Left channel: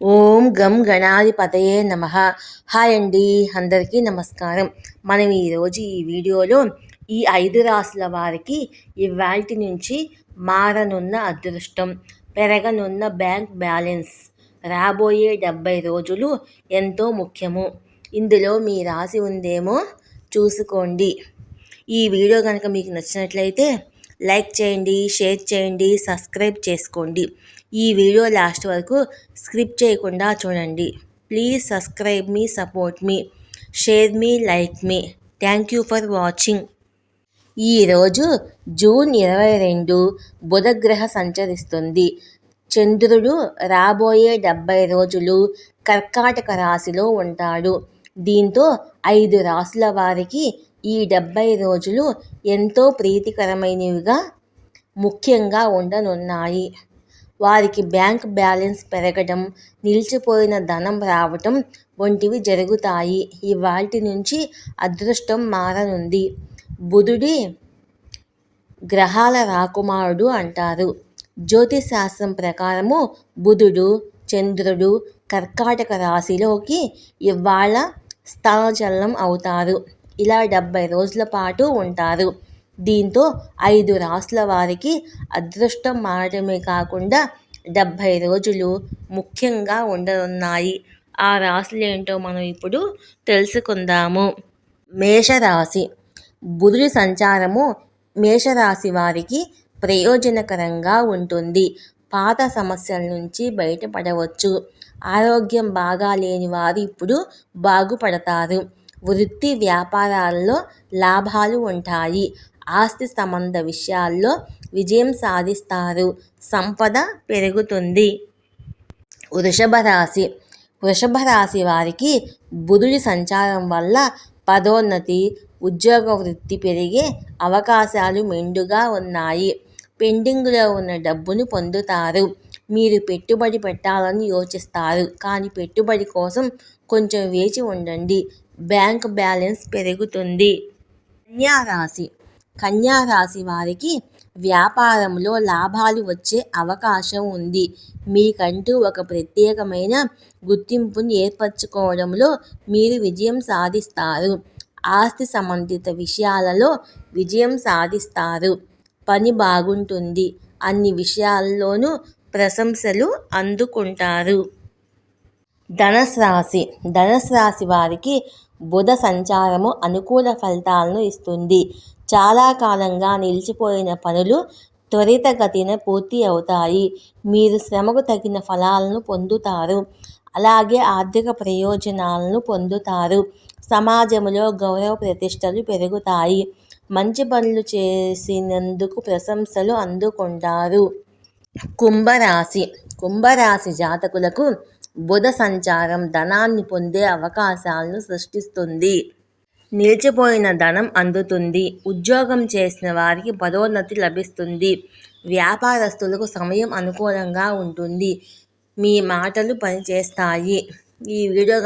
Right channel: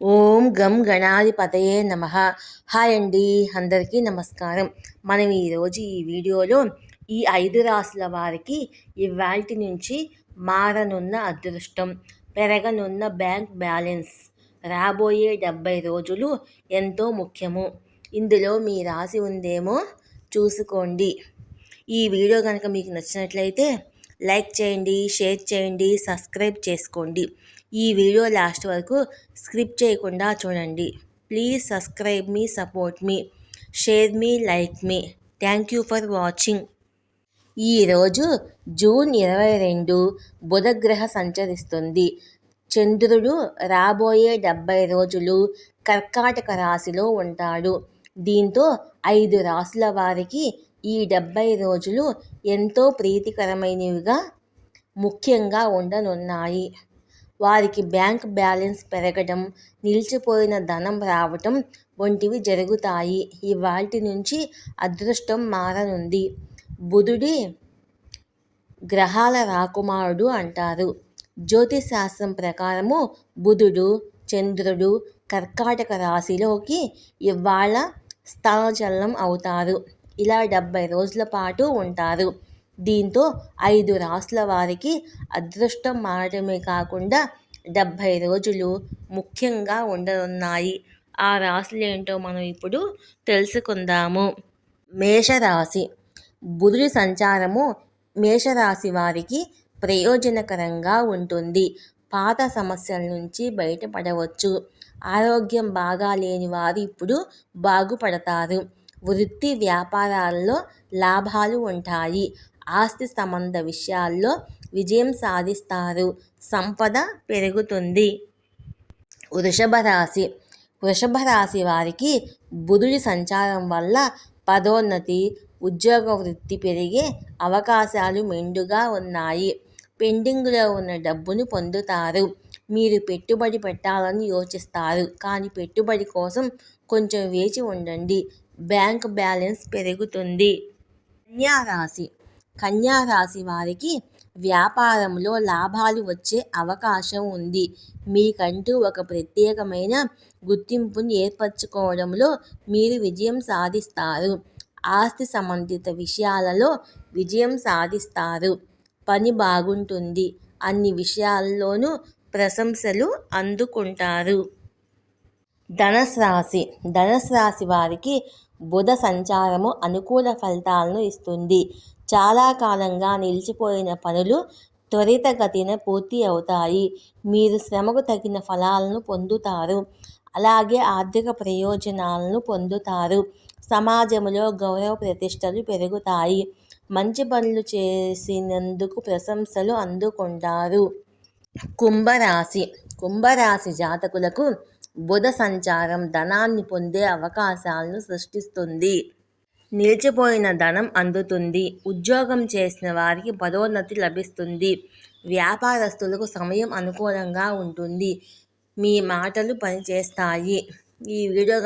ఓం గం గణాధిపతయే నమః. హాయ్ అండి, అందరికీ నమస్కారం. మనం ఈరోజు ఈ వీడియోలో ఈ 5 రాసుల వారికి ఇవాల్టి నుంచి మారనున్న అదృష్టం, పెరగనున్న బ్యాంక్ బ్యాలెన్స్, రాబోయే 70 రోజులు ఎంతో ముఖ్యము. ఇందులో మీ రాశి ఉందేమో చూసుకోండి. ఈ వీడియో కనుక మీకు నచ్చినట్లయితే లైక్ చేయండి, షేర్ చేయండి, సబ్స్క్రైబ్ చేసుకోండి. ఈ వీడియో లాస్ట్ వరకు స్కిప్ చేయకుండా చూడండి. Please subscribe me, support me, share me, like me. Thank you for watching. ఈరోజు జూన్ 22 బుధగ్రహ సంచరిస్తుంది. చంద్రుడు రాబోయే 70 రోజులు కర్కాటక రాశిలో ఉంటాడు. దీంతో 5 రాశుల వారికి ఈ 70 రోజులు ఎంతో ప్రీతికరమైనవిగా ముఖ్యంగా ఉండనున్నాయి. వారికి బ్యాంక్ బ్యాలెన్స్ పెరగడం, నిలిచిపోయిన ధనం రావటం వంటివి జరుగుతాయి. ఇవాల్టి నుంచి అదృష్టం మారనుంది. బుధుడి గ్రహాల రాకుమారుడు అంటారు. జ్యోతిశాస్త్రం ప్రకారము బుధుడు, చంద్రుడు కర్కాటక రాశిలోకి ఇవాళ స్థానచలనం అవుతారు. ఇలా 70 రోజుల పాటు ఉంటారు. దీంతో 5 రాశుల వారికి అదృష్టం మారడమే కాకుండా 70 రోజులు ముఖ్యంగా ఉండనున్నాయి. ఆ రాశులు ఏంటో మనం ఇప్పుడు తెలుసుకుందాము. మేషరాశి. బుధుడి సంచారము మేషరాశి వారికి ప్రయోజనకరంగా ఉంటుంది. పాత సమస్యల నుంచి బయటపడవచ్చు. ఆరోగ్యం బాగా లేని వారు ఇప్పుడు బాగుపడతారు. వృత్తి వ్యాపారాల్లో లాభాలు ఉంటాయి. ఆస్తి సంబంధ విషయాల్లో విజయం సాధిస్తారు. సంపద పెరుగుతుంది. వృషభ రాశి. వృషభ రాశి వారికి బుధుడి సంచారం వల్ల పదోన్నతి, ఉద్యోగ వృద్ధి పెరిగే అవకాశాలు మెండుగా ఉన్నాయి. పెండింగ్లో ఉన్న డబ్బును పొందుతారు. మీరు పెట్టుబడి పెట్టాలని యోచిస్తారు, కానీ పెట్టుబడి కోసం కొంచెం వేచి ఉండండి. బ్యాంక్ బ్యాలెన్స్ పెరుగుతుంది. కన్యారాశి. కన్యారాశి వారికి వ్యాపారంలో లాభాలు వచ్చే అవకాశం ఉంది. మీకంటూ ఒక ప్రత్యేకమైన గుర్తింపును ఏర్పరచుకోవడంలో మీరు విజయం సాధిస్తారు. ఆస్తి సంబంధిత విషయాలలో విజయం సాధిస్తారు. పని బాగుంటుంది. అన్ని విషయాల్లోనూ ప్రశంసలు అందుకుంటారు. ధనుసు రాశి. ధనుసు రాశి వారికి బుధ సంచారము అనుకూల ఫలితాలను ఇస్తుంది. చాలా కాలంగా నిలిచిపోయిన పనులు త్వరితగతిన పూర్తి అవుతాయి. మీరు శ్రమకు తగిన ఫలాలను పొందుతారు. అలాగే ఆర్థిక ప్రయోజనాలను పొందుతారు. సమాజంలో గౌరవ ప్రతిష్టలు పెరుగుతాయి. మంచి పనులు చేసినందుకు ప్రశంసలు అందుకుంటారు. కుంభరాశి. కుంభరాశి జాతకులకు బుధ సంచారం ధనాన్ని పొందే అవకాశాలను సృష్టిస్తుంది. నిలిచిపోయిన ధనం అందుతుంది. ఉద్యోగం చేసిన వారికి పదోన్నతి లభిస్తుంది. వ్యాపారస్తులకు సమయం అనుకూలంగా ఉంటుంది. మీ మాటలు పనిచేస్తాయి. ఈ వీడియో